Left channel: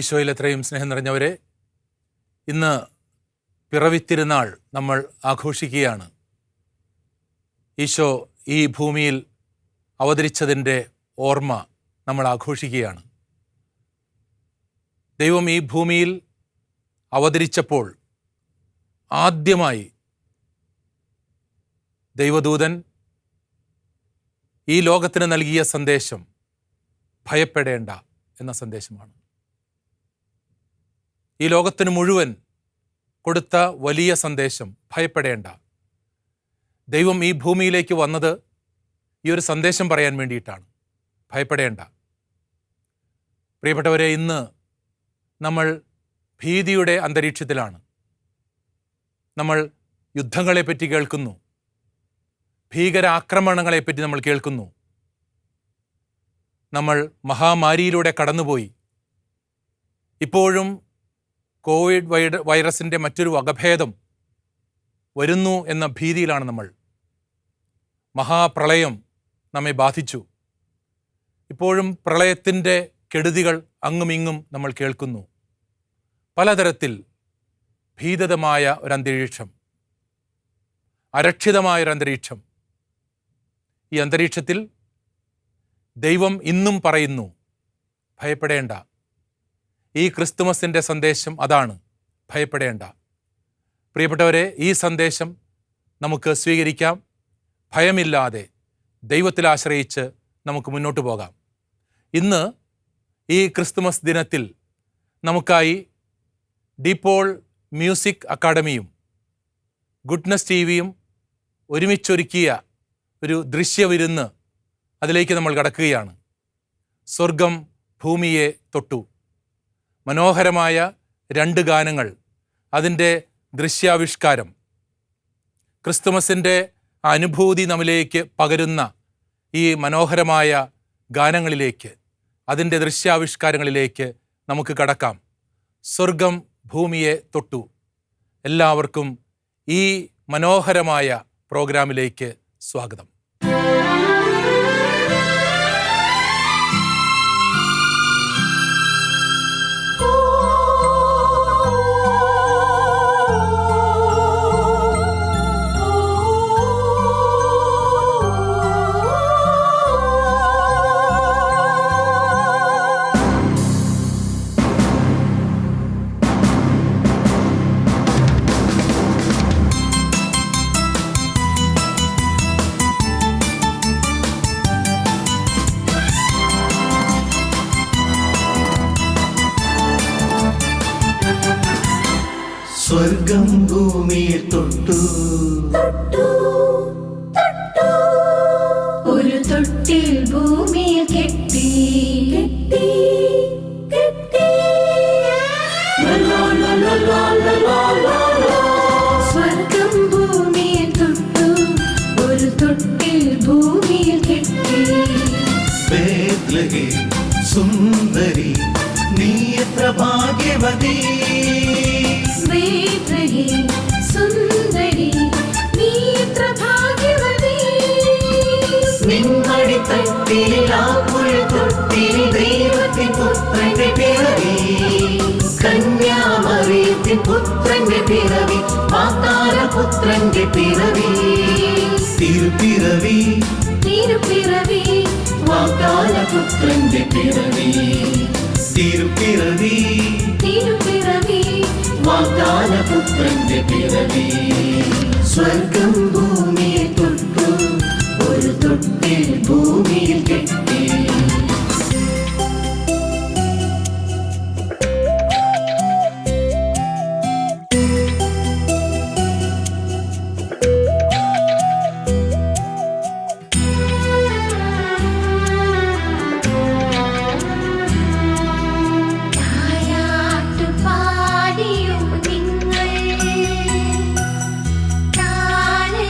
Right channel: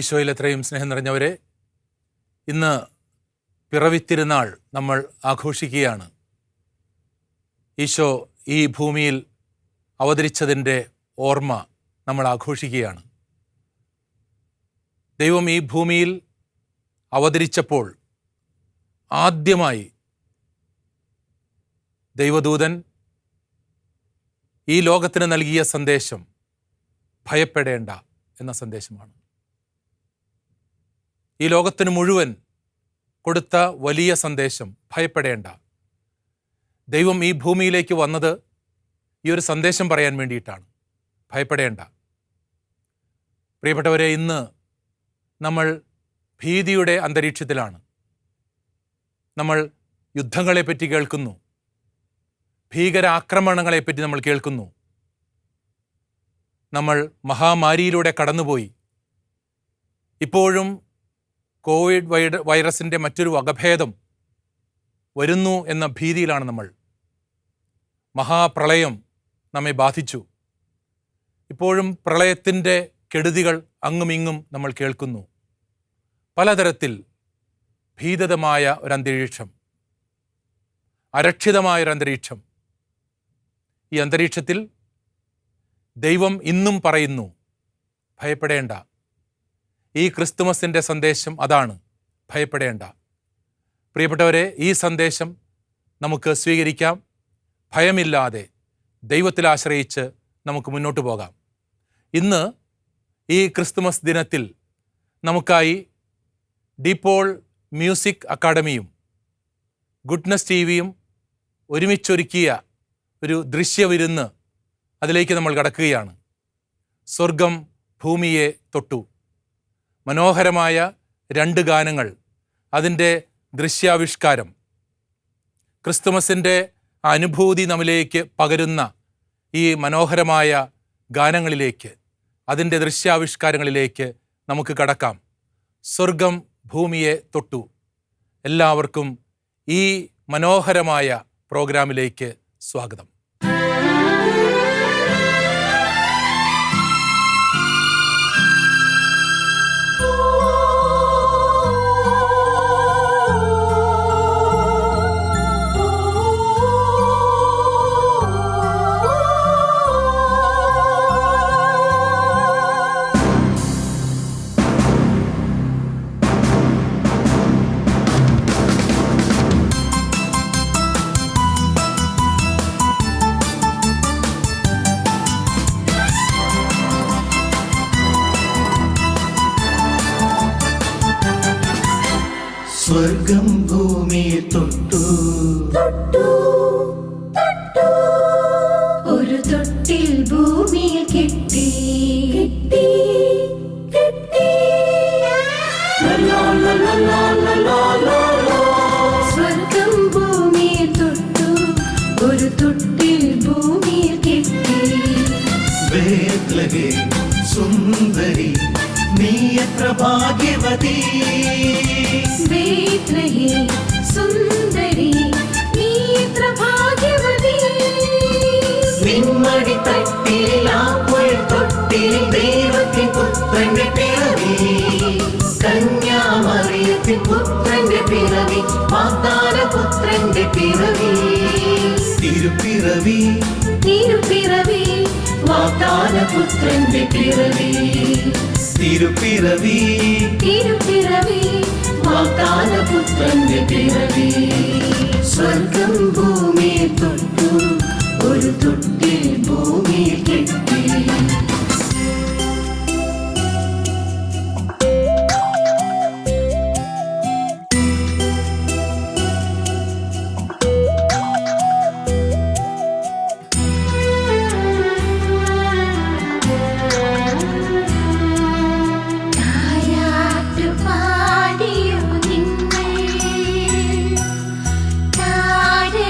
ഈശോയിൽ എത്രയും സ്നേഹം നിറഞ്ഞവരെ, ഇന്ന് പിറവിത്തിരുന്നാൾ നമ്മൾ ആഘോഷിക്കുകയാണ്. ഈശോ ഈ ഭൂമിയിൽ അവതരിച്ചതിൻ്റെ ഓർമ്മ നമ്മൾ ആഘോഷിക്കുകയാണ്. ദൈവം ഈ ഭൂമിയിൽ അവതരിച്ചപ്പോൾ ആദ്യമായി ദൈവദൂതൻ ഈ ലോകത്തിന് നൽകിയ സന്ദേശം ഭയപ്പെടേണ്ട എന്ന സന്ദേശമാണ്. ഈ ലോകത്തിന് മുഴുവൻ കൊടുത്ത വലിയ സന്ദേശം ഭയപ്പെടേണ്ട. ദൈവം ഈ ഭൂമിയിലേക്ക് വന്നത് ഈ ഒരു സന്ദേശം പറയാൻ വേണ്ടിയിട്ടാണ്. ഭയപ്പെടേണ്ട. പ്രിയപ്പെട്ടവരെ, ഇന്ന് നമ്മൾ ഭീതിയുടെ അന്തരീക്ഷത്തിലാണ്. നമ്മൾ യുദ്ധങ്ങളെപ്പറ്റി കേൾക്കുന്നു, ഭീകരാക്രമണങ്ങളെപ്പറ്റി നമ്മൾ കേൾക്കുന്നു. നമ്മൾ മഹാമാരിയിലൂടെ കടന്നുപോയി. ഇപ്പോഴും കോവിഡ് വൈറസിൻ്റെ മറ്റൊരു വകഭേദം വരുന്നു എന്ന ഭീതിയിലാണ് നമ്മൾ. മഹാപ്രളയം നമ്മെ ബാധിച്ചു. ഇപ്പോഴും പ്രളയത്തിൻ്റെ കെടുതികൾ അങ്ങുമിങ്ങും നമ്മൾ കേൾക്കുന്നു. പലതരത്തിൽ ഭീതിതമായ ഒരന്തരീക്ഷം, അരക്ഷിതമായൊരന്തരീക്ഷം. ഈ അന്തരീക്ഷത്തിൽ ദൈവം ഇന്നും പറയുന്നു, ഭയപ്പെടേണ്ട. ഈ ക്രിസ്തുമസിൻ്റെ സന്ദേശം അതാണ്, ഭയപ്പെടേണ്ട. പ്രിയപ്പെട്ടവരെ, ഈ സന്ദേശം നമുക്ക് സ്വീകരിക്കാം. ഭയമില്ലാതെ ദൈവത്തിൽ ആശ്രയിച്ച് നമുക്ക് മുന്നോട്ട് പോകാം. ഇന്ന് ഈ ക്രിസ്തുമസ് ദിനത്തിൽ നമുക്കായി ഡിപോൾ മ്യൂസിക് അക്കാഡമിയും ഗുഡ്നസ് ടിവിയും ഒരുമിച്ചൊരുക്കിയ ഒരു ദൃശ്യവിരുന്ന്, അതിലേക്ക് നമ്മൾ കടക്കുകയാണ്. സ്വർഗം ഭൂമിയെ തൊട്ടു. മനോഹരമായ 2 ഗാനങ്ങൾ, അതിൻ്റെ ദൃശ്യാവിഷ്കാരം, ക്രിസ്തുമസിൻ്റെ അനുഭൂതി നമ്മിലേക്ക് പകരുന്ന ഈ മനോഹരമായ ഗാനങ്ങളിലേക്ക്, അതിൻ്റെ ദൃശ്യാവിഷ്കാരങ്ങളിലേക്ക് നമുക്ക് കടക്കാം. സ്വർഗം ഭൂമിയെ തൊട്ടു. എല്ലാവർക്കും ഈ മനോഹരമായ പ്രോഗ്രാമിലേക്ക് സ്വാഗതം. സ്വർഗം ഭൂമിയെ തൊട്ടു തൊട്ടു തൊട്ടു. ഒരു തൊട്ടിൽ ഭൂമിയിൽ കെട്ടി കെട്ടി കെട്ടി. സ്വർഗം ഭൂമിയെ തൊട്ടു, ഒരു തൊട്ടിൽ ഭൂമിയിൽ കെട്ടി. ബേത്ലഹേം സുന്ദരി, നീ എത്ര ഭാഗ്യവതി. പുത്രന്റെ പിറവി, പാതാളപുത്രന്റെ പിറവി. തിരുപ്പിറവി തിരുപ്പിറവി, പാതാളപുത്രന്റെ പിറവി. തിരുപ്പിറവി തിരുപ്പിറവി, പാതാളപുത്രന്റെ പിറവി. സ്വർഗം ഭൂമിയെ തൊട്ടു, ഒരു തൊട്ടിൽ ഭൂമിയിൽ കെട്ടി. പാടിയും നിങ്ങൾ താഴെ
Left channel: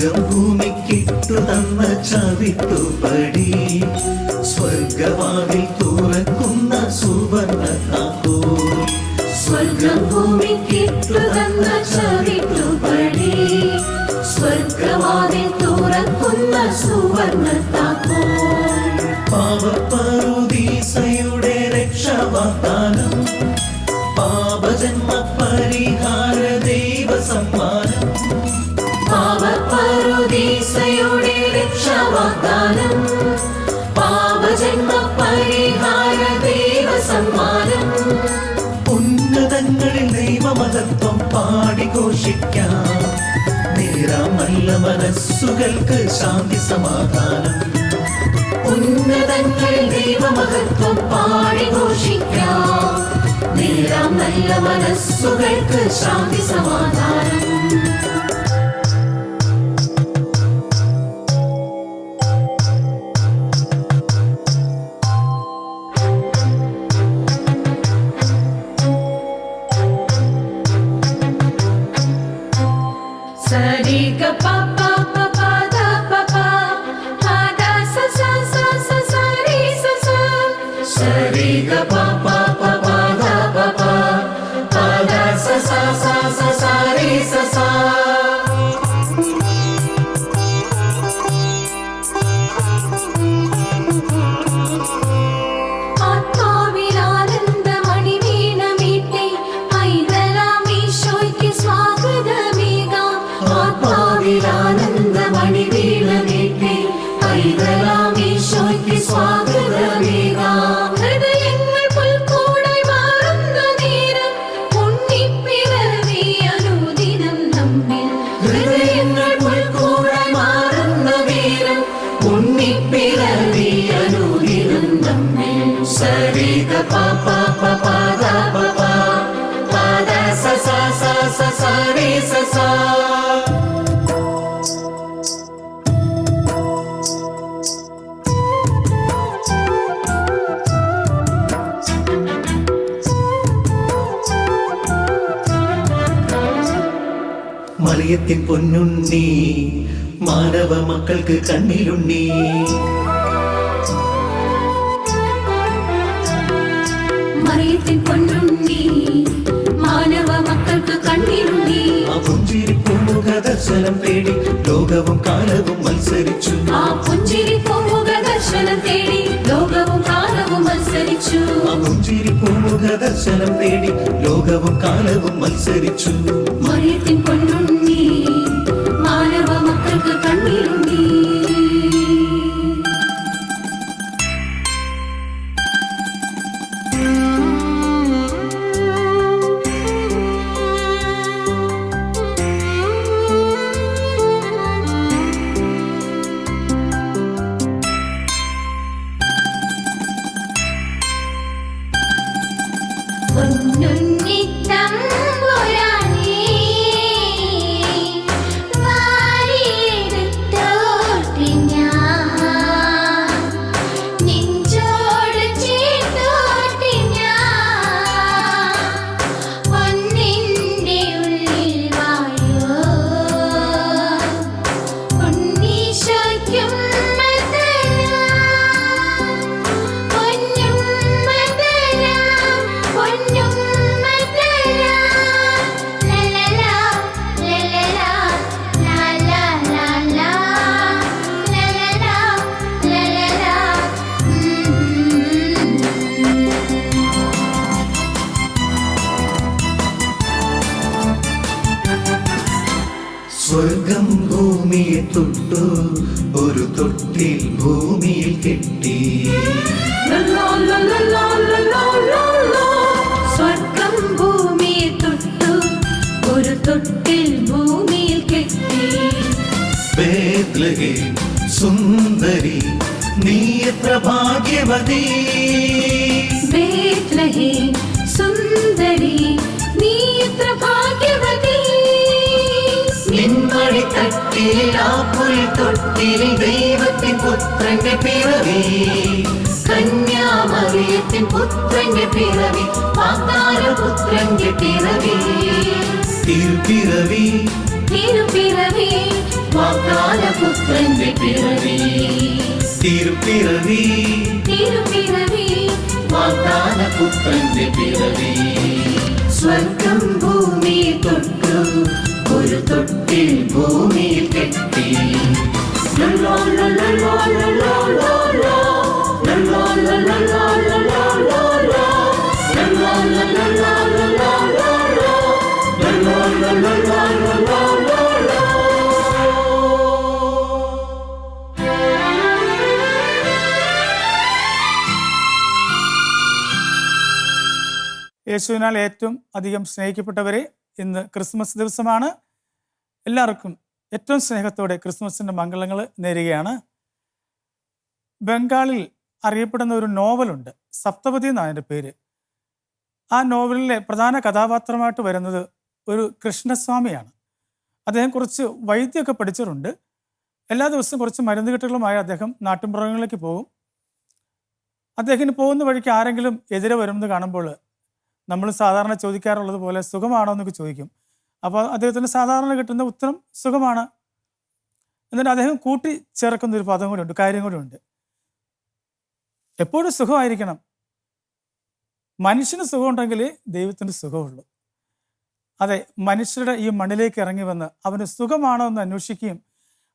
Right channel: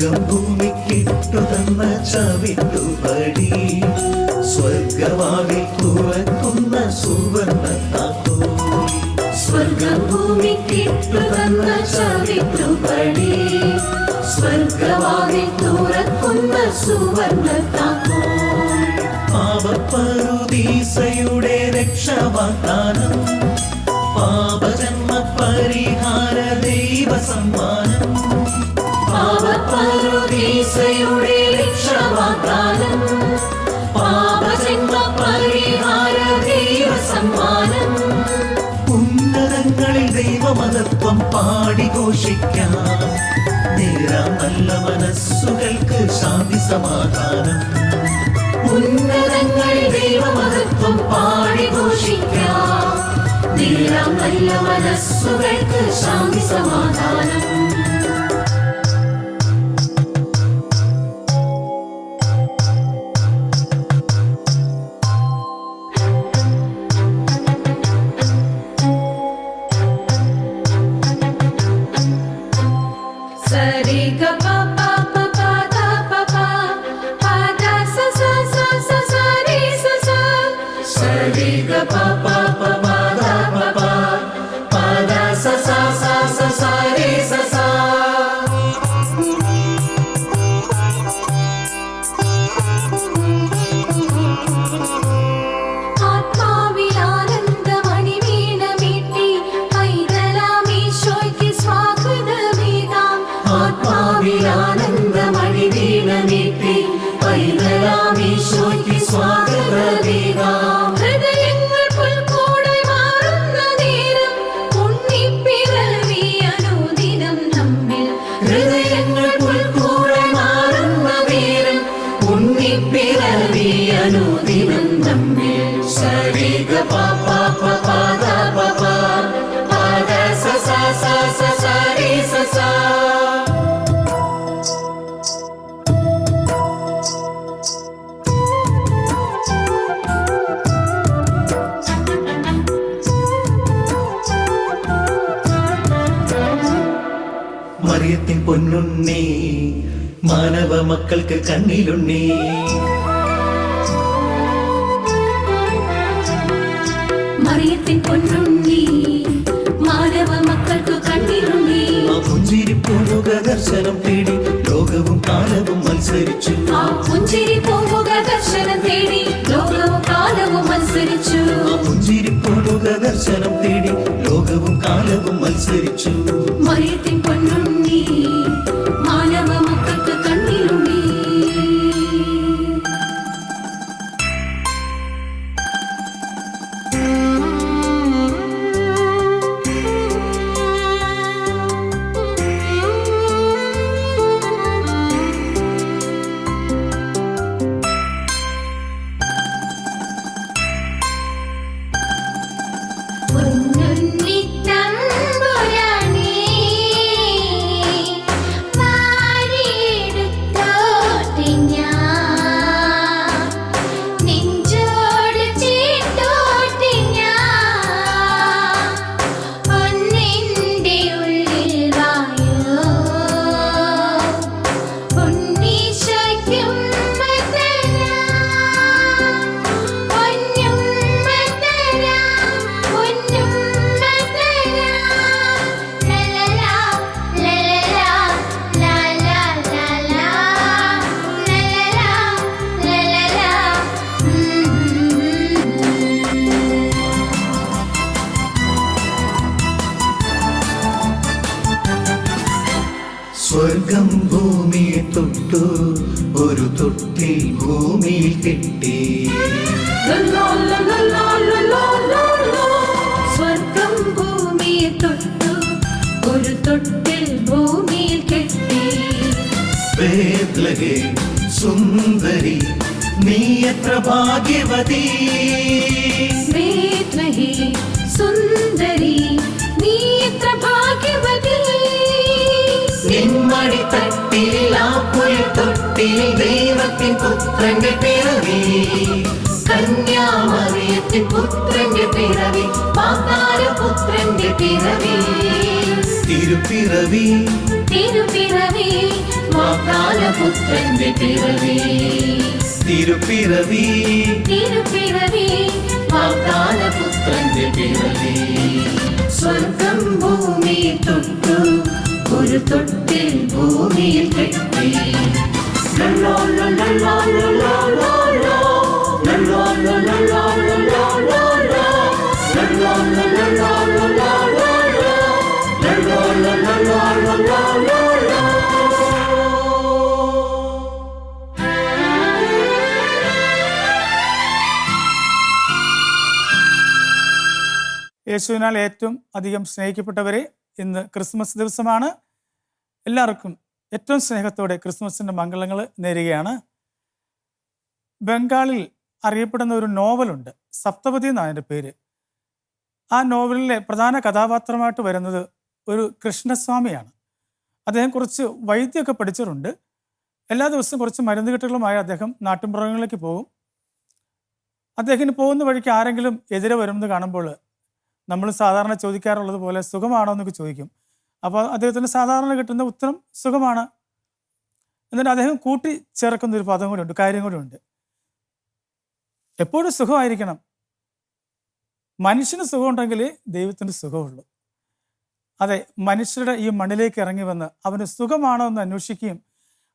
സ്വർഗം ഭൂമിക്കിട്ടു തന്ന ചവിട്ടുപടി സ്വർഗവാതിൽ തുറക്കുന്ന സുവർണ താക്കോൽ സ്വർഗം ഭൂമിക്കിട്ടു തന്ന ചവിട്ടുപടി സ്വർഗവാതിൽ തുറക്കുന്ന സുവർണ താക്കോൽ പാവപറുദീസയുടെ രക്ഷാവാഗ്ദാനം പാപജന്മ പരിഹാര ദൈവ സമ്മാനം പാവപറുദീസയുടെ രക്ഷാവാഗ്ദാനം പാപജന്മ പരിഹാര ദൈവ സമ്മാനം ഉന്നതങ്ങളിൽ ദൈവമഹത്വം പാടി ഘോഷിക്കാം നേരാം നല്ല മനസ്സുകൾക്ക് ശാന്തി സമാധാനം ഉന്നതങ്ങളിൽ ദൈവമഹത്വം പാടി ഘോഷിക്കാം നേരാം നല്ല മനസ്സുകൾക്ക് ശാന്തി സമാധാനം മറിയത്തിൻ പൊന്നുണ്ണി മാനവ മക്കൾക്ക് കണ്ണിലുണ്ണി മറിയത്തിൻ പൊന്നുണ്ണി മാനവ മക്കൾക്ക് കണ്ണിലുണ്ണി ആ പുഞ്ചിരി പൂമുഖ ദർശനം തേടി ലോകവും കാലവും മത്സരിച്ചു ആ പുഞ്ചിരി പൂമുഖ ദർശനം തേടി ലോകവും കാലവും മത്സരിച്ചു ആ പുഞ്ചിരി പൂമുഖ ദർശനം തേടി ലോകവും കാലവും മത്സരിച്ചു മറിയത്തിൻ പൊന്നുണ്ണി മാനവ മക്കൾക്ക് കണ്ണിലുണ്ണി സ്വർഗം ഭൂമിയെ തൊട്ടു ഒരു തൊട്ടിൽ ഭൂമിയിൽ കെട്ടി സ്വർഗം ഭൂമിയെ തൊട്ടു ഒരു തൊട്ടിൽ ഭൂമിയിൽ കെട്ടി ബേത്ലഹേം സുന്ദരി നീ എത്ര ഭാഗ്യവതി ബേത്ലഹേം സുന്ദരി നീ എത്ര ഭാഗ്യവതി നിന്മടി തട്ടിൽ ആ പുൽത്തൊട്ടിൽ ദൈവത്തിൻ പുത്രന്റെ പിറവി കന്യാമറിയത്തിൻ പുത്രന്റെ പിറവി പാതാരപുത്രന്റെ പിറവി തിരുപ്പിറവി തിരുപ്പിറവി വാഗ്ദാനപുത്രന്റെ പിറവി തിരുപ്പിറവി തിരുപ്പിറവി വാഗ്ദാനപുത്രന്റെ പിറവി സ്വർഗം ഭൂമി തൊട്ടു ഒരു തൊട്ടിൽ ഭൂമിയിൽ കെട്ടി ലല്ലോ ലല്ലോ ലല്ലോ ലല്ലോ ലല്ലോ ലല്ലോ ലല്ലോ ലല്ലോ ലല്ലോ ലല്ലോ യേശുവിനാൽ ഏറ്റവും അധികം സ്നേഹിക്കപ്പെട്ടവരെ, ഇന്ന് ക്രിസ്മസ് ദിവസമാണ്. എല്ലാവർക്കും ഏറ്റവും സ്നേഹത്തോടെ ക്രിസ്മസിൻ്റെ മംഗളങ്ങൾ നേരുകയാണ്. ബംഗാളിൽ അറിയപ്പെടുന്ന ഒരു നോവലുണ്ട്, സപ്തപതി എന്നാണ് അതിൻ്റെ പേര്. ആ നോവലിലെ പ്രധാന കഥാപാത്രമായിട്ട് വരുന്നത് ഒരു കൃഷ്ണസ്വാമിയാണ്. അദ്ദേഹം കുറച്ച് വൈദ്യമൊക്കെ പഠിച്ചിട്ടുണ്ട്. എല്ലാ ദിവസവും കുറച്ച് മരുന്ന് കെട്ടുകളുമായി അദ്ദേഹം നാട്ടിൻപുറങ്ങളിലേക്ക് പോകും. അദ്ദേഹത്തിന് പോകുന്ന വഴിക്ക് ആരെങ്കിലും എതിരെ വരുമെന്ന് കാണുമ്പോൾ നമ്മൾ സാധാരണ ചോദിക്കാറുള്ളത് പോലെ സുഖമാണോ എന്നൊക്കെ ചോദിക്കും. അപ്പോൾ അദ്ദേഹത്തിന് സാധാരണ കിട്ടുന്ന ഉത്തരം സുഖമാണ്. എന്നിട്ട് അദ്ദേഹം കൂട്ടി ചേർക്കുന്നൊരു പദം കൂടി ഉണ്ട്, കാര്യം കൂടി ഉണ്ട്. എപ്പോഴും സുഖമായിരിക്കണം. മനുഷ്യന് സുഖമുണ്ടെങ്കിൽ ദൈവത്തിന് സുഖമുള്ളൂ. അതെ, മനുഷ്യരുടെ ഈ മണ്ണിലേക്ക് ഇറങ്ങി വന്ന് അവന് സുഖമാണോ എന്ന് അന്വേഷിക്കുകയും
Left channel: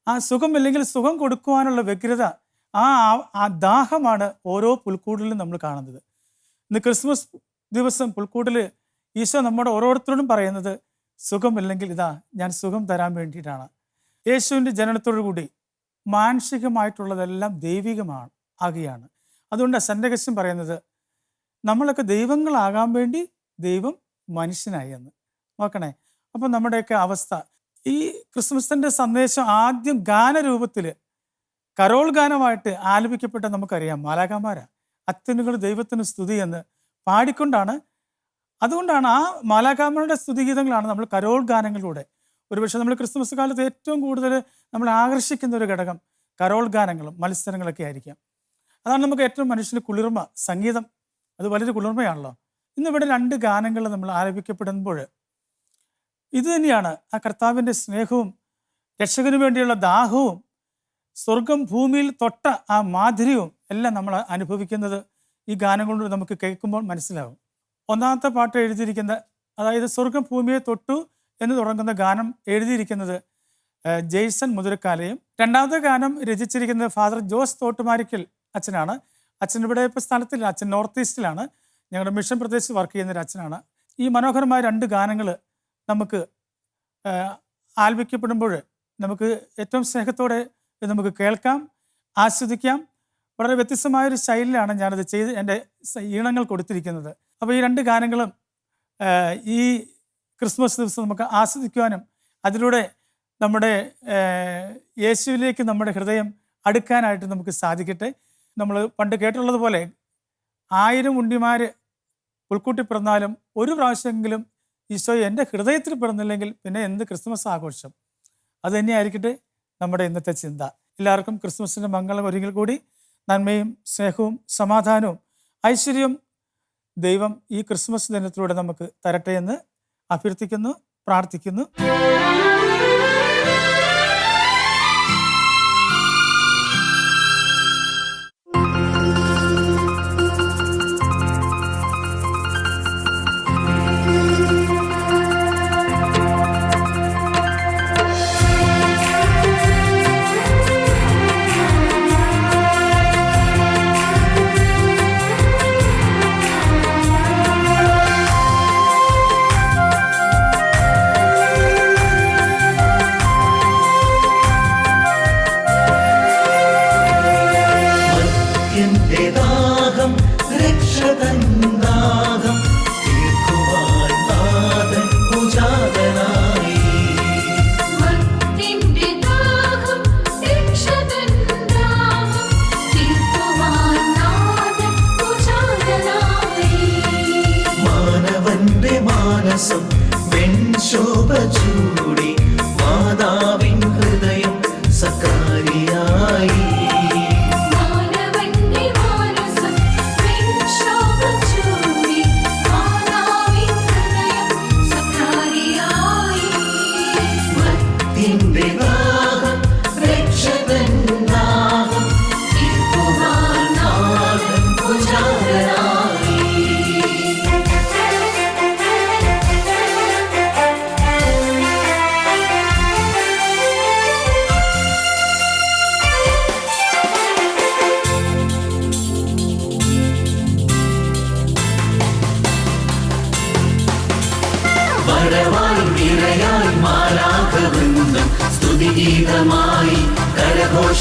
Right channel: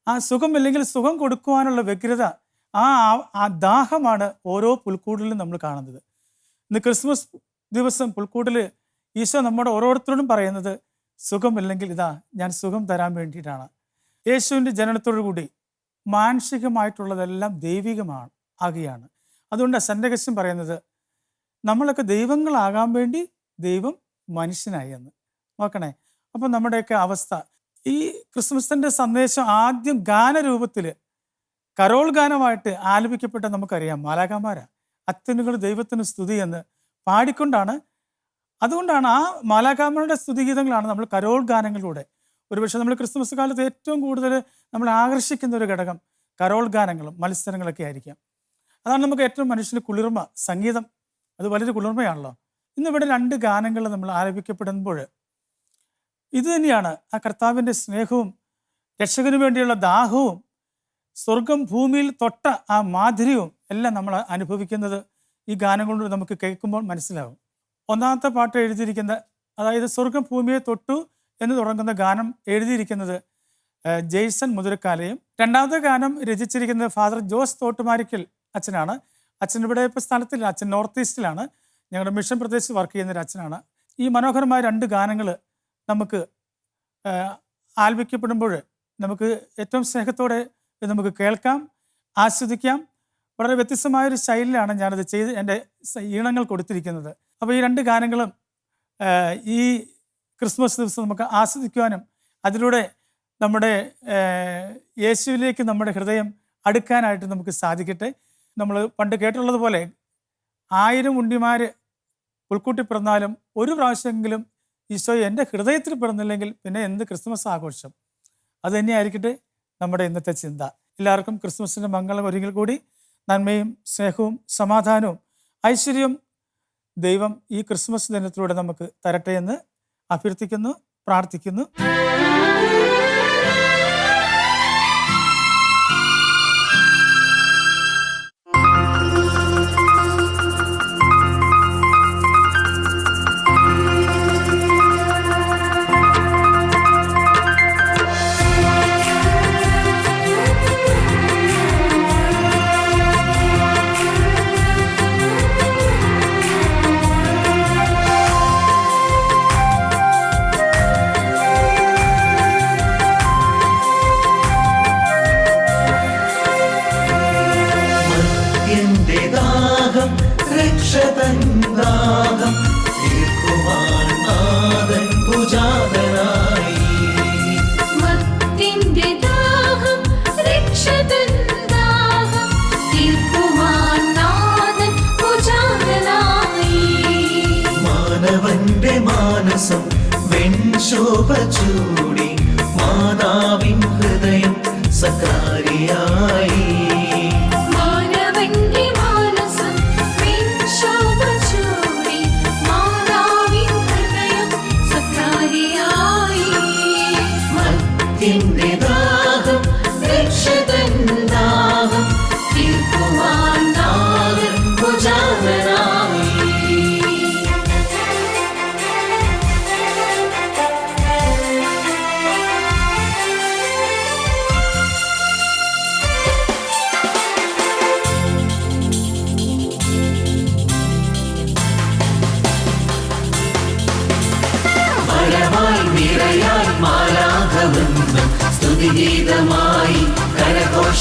ആ സുഖമില്ലെങ്കിൽ സുഖം കൊടുക്കുവാനുള്ള വ്യഗ്രത, ആ ദാഹമാണ് ഓരോ പുൽക്കൂടിലും നമ്മൾ കാണുന്നത്. ഇന്ന് ക്രിസ്മസ് ദിവസം പുൽക്കൂടിൽ ഈശോ നമ്മുടെ ഓരോരുത്തരോടും പറയുന്നത്, സുഖമില്ലെങ്കിൽ ഇതാ ഞാൻ സുഖം തരാൻ വേണ്ടിയിട്ടാണ്. യേശുവിൻ്റെ ജനനത്തോടു കൂടി മാനുഷികമായിട്ടുള്ളതെല്ലാം ദൈവികമാണ് ആകുകയാണ്. അതുകൊണ്ട് സന്റഗസ്റ്റിൻ പറയുന്നത്, നമ്മളൊക്കെ ദൈവങ്ങളാകാൻ വേണ്ടി ദൈവം മനുഷ്യനായി എന്ന്. നോക്കണേ, അപ്പം നമ്മുടെയൊക്കെ അവസ്ഥ, ഈ ക്രിസ്മസിൻ്റെ സന്ദേശം ആദ്യം ഗാനരൂപത്തിൽ കരോൾ ഗാനമായിട്ട് ആലപിക്കപ്പെട്ട നമുക്കറിയാം. മാലാഖമാരാ അത്യുന്നതങ്ങൾ ദൈവത്തിന് സ്തുതി എന്ന് പാടിക്കൊണ്ടാണ്. അതുകൊണ്ടാണ് ആ മാലാഖമാരുടെ സ്തുതിഗീതങ്ങളാണ് നമ്മൾ കരോൾ ഗാനങ്ങളിലൂടെ, ഒരുപക്ഷെ നമ്മൾ ക്രിസ്മസ് കാലത്ത് ഏറ്റവും കൂടുതൽ നമ്മൾ ആകർഷിക്കുന്ന ഒരു ഘടകം കരോൾ ഗാനങ്ങളും മത്സരങ്ങളൊക്കെ ആയിരിക്കാം. അതാണ് നമുക്ക് ഏറ്റവും മനുഷ്യന് കുളിർമ. സംഗീതം അത് വളരെ കുളിർമയാണല്ലോ. ഇന്നിവിടെ 2 ഗാനങ്ങൾ നമ്മൾ ആലപിക്കപ്പെടുമ്പോൾ ഇത് തന്നെയാണ് ആ കർത്താവിൻ്റെ സ്നേഹവും രക്ഷകന് വേണ്ടിയുള്ള ദാഹവും സ്വർഗം ഭൂമിയിൽ തൊട്ട ആ മാധുര്യവും എല്ലാം നമ്മൾ അനുഭവിക്കുന്നത് ഈ ഗാനങ്ങളോട് നമുക്ക് കേൾക്കുമ്പോൾ മനസ്സിലാവും. ഒന്നാമത്തെ പാട്ട് എഴുതിയിരിക്കുന്ന, അതായത് സ്വർഗം ഭൂമിയെ തൊട്ടു എന്ന് തുടങ്ങുന്ന ഗാനം എഴുതിയിരിക്കുന്നത് ജെയ്സൺ മുതിരക്കാലയും. രണ്ടാമത്തെ ഗാനം രചിച്ചിരിക്കുന്നത് ഫാദർ ജോസ് തോട്ടുമാരിക്കൽ അച്ഛനാണ്. അച്ഛൻ ഇവിടെ ഇപ്പോൾ സ്ഥലത്തില്ല, അച്ഛൻ നോർത്ത് ഈസ്റ്റിലാണ്, ഞങ്ങളുടെ മിഷൻ പ്രദേശത്ത് വർക്ക് ചെയ്യുന്നൊരു അച്ഛനാണ്. ഈ മനോഹരമായ 2 ഗാനങ്ങൾ നമുക്ക് ആലപിക്കപ്പെടുമ്പോൾ നമുക്ക് ഏറ്റവും സ്നേഹത്തോടെ നമുക്ക് കേൾക്കാം, ആസ്വദിക്കാം. വളരെ വ്യത്യസ്തമായൊരു ശൈലിയിലാണ് ഞാനത് ചെയ്ത് എൻ്റെ ഈണങ്ങൾ കൊടുത്തിരിക്കുന്നത്. അപ്പോൾ ഈ 2 ഗാനങ്ങളും ഈ ക്രിസ്മസ് ദിവസം നമുക്ക് ആസ്വദിക്കുവാനും അതിലൂടെ നമ്മുടെ യേശുവിലേക്ക് നമ്മുടെ ഹൃദയം അടുക്കാനായിട്ട് നമുക്ക് സാധിക്കട്ടെ. നമ്മൾ പണ്ട് കേട്ടുള്ളതുപോലെ 1000 ഉണ്ണിമാർ പുൽക്കൂട്ടി പിറന്നാലും ഒരു പ്രാവശ്യമെങ്കിലും ഈശോ എൻ്റെ ഹൃദയത്തിൽ പിറന്നില്ലെങ്കിൽ പിന്നെ എന്ത് ക്രിസ്മസ് ആഘോഷം? അത് തന്നെയായിരിക്കട്ടെ നമ്മുടെ ഇന്നത്തെ ചിന്ത. എല്ലാവർക്കും ക്രിസ്മസിൻ്റെ മംഗളം ഒരിക്കൽ കൂടി നന്മയും സ്നേഹവും സമാധാനവും ഐശ്വര്യവും ദൈവം ഈ ക്രിസ്മസ് ദിനത്തിലൂടെ നമുക്ക് തരട്ടെ എന്ന് അഭ്യർത്ഥിക്കുന്നു, പ്രാർത്ഥിക്കുന്നു. മാനസം വെൺശോഭ ചൂടി മാതാവിൻ ഹൃദയം സക്കാരിയായി.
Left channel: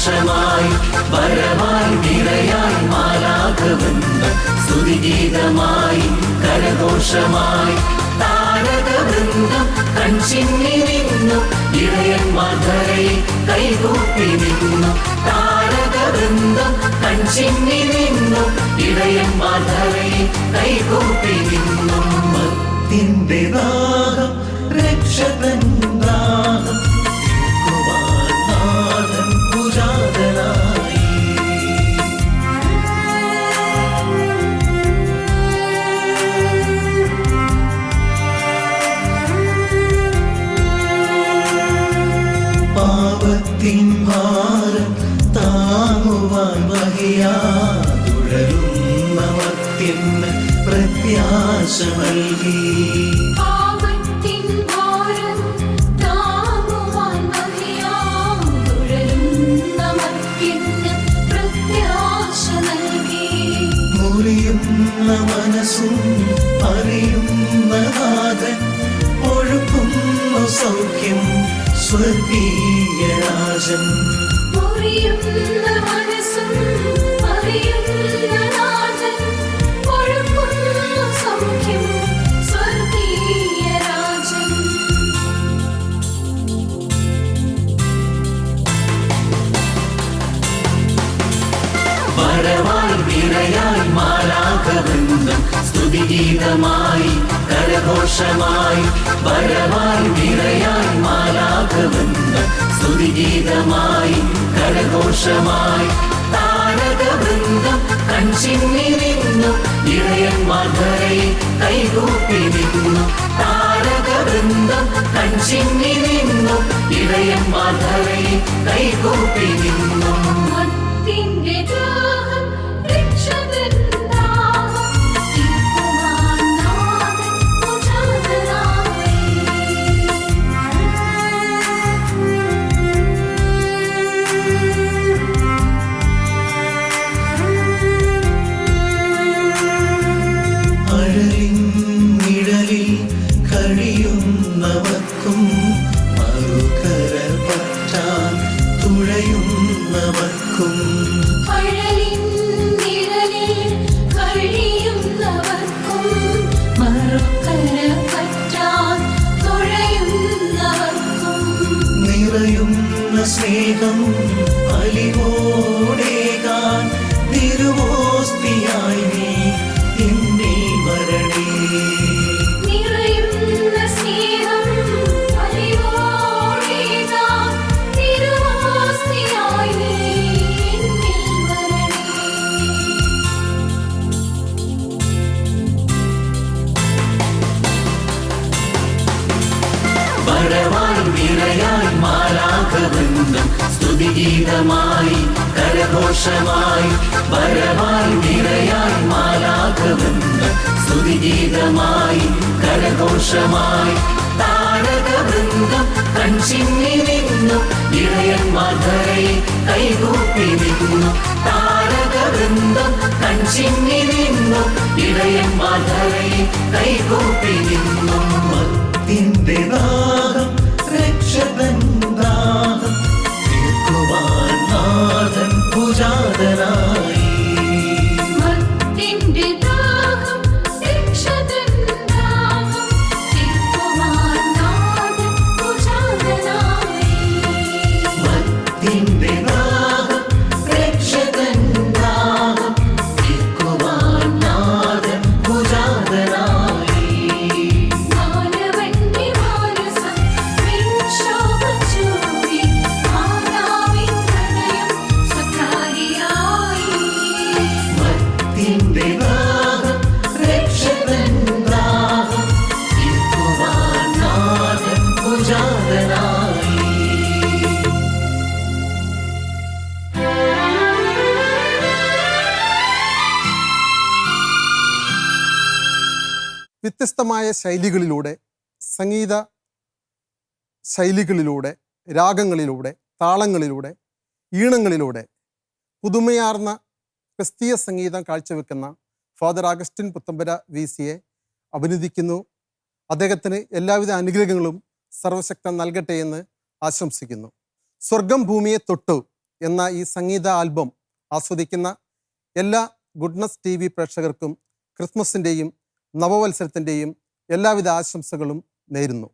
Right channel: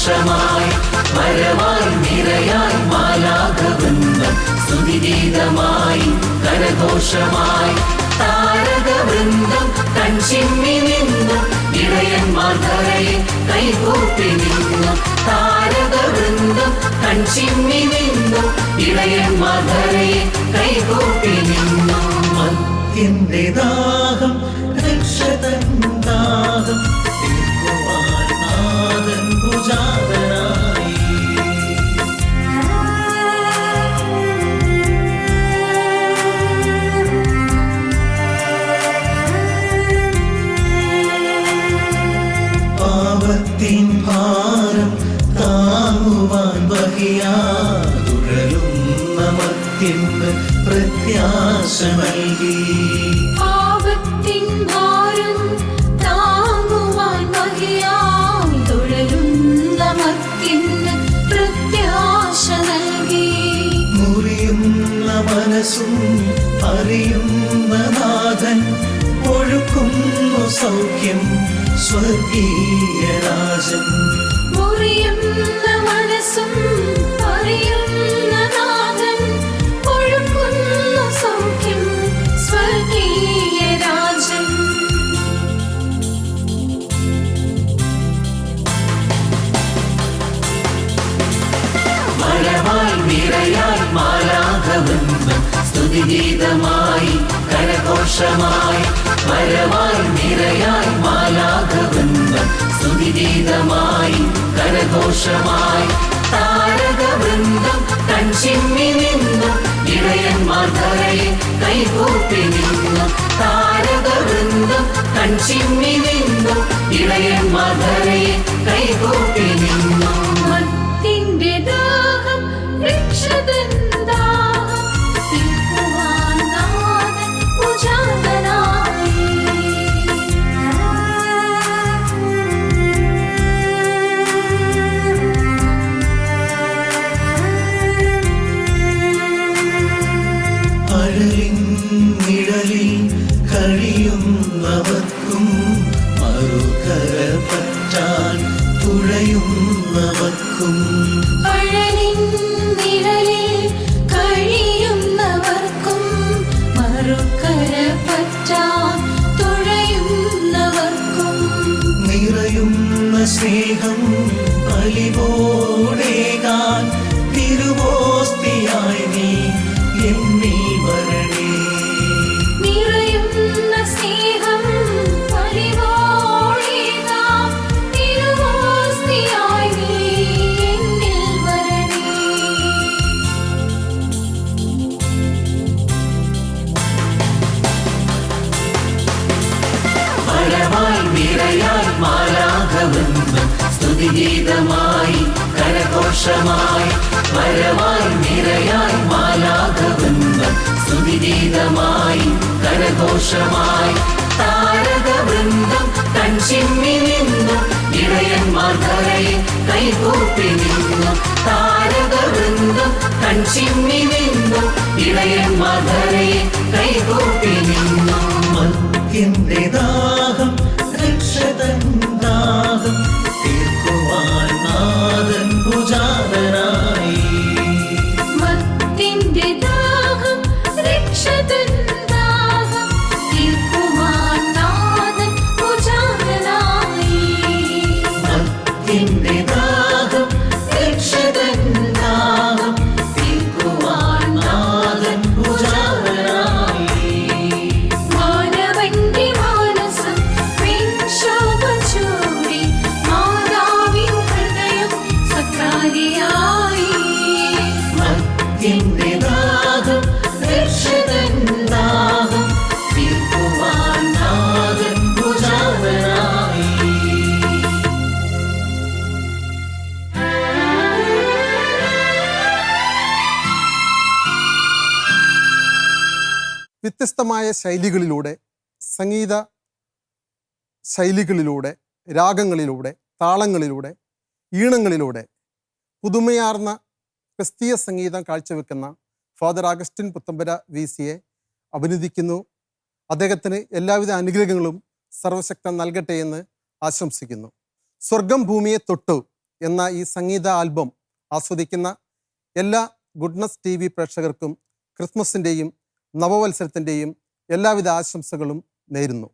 കരഘോഷമായി വരവായി നിരയായി മാലാഖവൃന്ദം സ്തുതിഗീതമായി കരഘോഷമായി താരകവൃന്ദം കൺചിമ്മി നിന്നു ഇടയന്മാർ ധരയിൽ കൈകൂപ്പി നിന്നു താരകവൃന്ദം കൺചിമ്മി നിന്നു ഇടയന്മാർ ധരയിൽ കൈകൂപ്പി നിന്നു മത്തിൻ്റെ ദാഹം രക്ഷകൻ ദാഹം തീർക്കുവാൻ നാഥൻ പൂജാരനായി. പാപത്തിൻ ഭാരം താങ്ങുവാൻ വഹിയാതുഴലുന്ന മത്തിന് പ്രത്യാശ നൽകി. പാപത്തിൻ ഭാരം താങ്ങുവാൻ വഹിയാതുഴലുന്ന മത്തിന് പ്രത്യാശ നൽകി. മുറിയുന്ന മനസ്സും അറിയുന്ന നാഥൻ ഒഴുക്കുന്നു സൗഖ്യം സ്വർഗീയ രാജൻ. മുറിയുന്ന മനസ്സും അറിയുന്ന നാഥൻ ഒഴുകുന്നു സൗഖ്യം സ്വർഗീയ രാജൻ. വരവായി നിരയായി മാലാഖവൃന്ദം സ്തുതിഗീതമായി കരഘോഷമായി വരവായി നിരയായി മാലാഖവൃന്ദം സ്തുതിഗീതമായി കരഘോഷമായി താരകവൃന്ദം കൺചിമ്മി നിന്നു ഇടയന്മാർ ധരയിൽ കൈകൂപ്പി നിന്നു താരകവൃന്ദം കൺചിമ്മി നിന്നു ഇടയന്മാർ ധരയിൽ കൈകൂപ്പി നിന്നു. മത്തിൻ്റെ ദാഹം രക്ഷകൻ ദാഹം തീർക്കുവാൻ നാഥൻ പൂജാതനായി. അഴലിൻ നിഴലിൽ കഴിയുന്നവർക്കും മറുകര പറ്റാൻ തുഴയുന്നവർക്കും അഴലിൻ നിഴലിൽ കഴിയുന്നവർക്കും മറുകര പറ്റാൻ തുഴയുന്നവർക്കും നിറയുന്ന സ്നേഹം അലിവോടേകാൻ തിരുവോസ്തിയായി നീ എന്നിൽ വരണേ. നിറയുന്ന സ്നേഹം അലിവോടേകാം തിരുവോസ്തിയായി നീ എന്നിൽ വരണേ. വരവായി നിരയായി മാലാഖവൃന്ദം സ്തുതിഗീതമായി കരഘോഷമായി വരവായി നിരയായി മാലാഖവൃന്ദം സ്തുതിഗീതമായി കരഘോഷമായി താരകവൃന്ദം കൺചിമ്മി നിന്നു ഇടയന്മാർ ധരയിൽ കൈകൂപ്പി നിന്നു താരകവൃന്ദം കൺചിമ്മി നിന്നു ഇടയന്മാർ ധരയിൽ കൈകൂപ്പി നിന്നു. മത്തിൻ്റെ ദാഹം രക്ഷകൻ ദാഹം തീർക്കുവാൻ നാഥൻ പൂജാരനായി. മത്തിൻ്റെ ദാഹം രക്ഷകൻ ദാഹം തീർക്കുവാൻ നാഥൻ പൂജാതനായി. മത്തിൻ്റെ ദാഹം രക്ഷകൻ ദാഹം തീർക്കുവാൻ നാഥൻ പൂജാരനായി. മാനവന്റെ മാനസം വിക്ഷോഭച്ചൂടി മാതാവിൻ ഹൃദയം സക്കാരിയായി. മത്തിൻ്റെ ദാഹം രക്ഷകൻ ദാഹം തീർക്കുവാൻ നാഥൻ പൂജാരനായി. വ്യത്യസ്തമായ ശൈലികളിലൂടെ സംഗീത ശൈലികളിലൂടെ രാഗങ്ങളിലൂടെ താളങ്ങളിലൂടെ ഈണങ്ങളിലൂടെ പുതുമയാർന്ന ക്രിസ്തീയ സംഗീതം കാഴ്ചവെക്കുന്ന ഫാദർ അഗസ്റ്റിൻ പുത്തമ്പര VCയെ അഭിനന്ദിക്കുന്നു. അദ്ദേഹത്തിന് എല്ലാവിധ അനുഗ്രഹങ്ങളും സർവശക്തൻ നൽകട്ടെ എന്ന് ആശംസിക്കുന്നു. സ്വർഗം ഭൂമിയെ തൊട്ടു എന്ന ഈ സംഗീത ആൽബം ആസ്വദിക്കുന്ന എല്ലാ ഗുഡ്നസ് TV പ്രേക്ഷകർക്കും ക്രിസ്മസിൻ്റെയും നവവത്സരത്തിൻ്റെയും എല്ലാവിധ ആശംസകളും നേരുന്നു.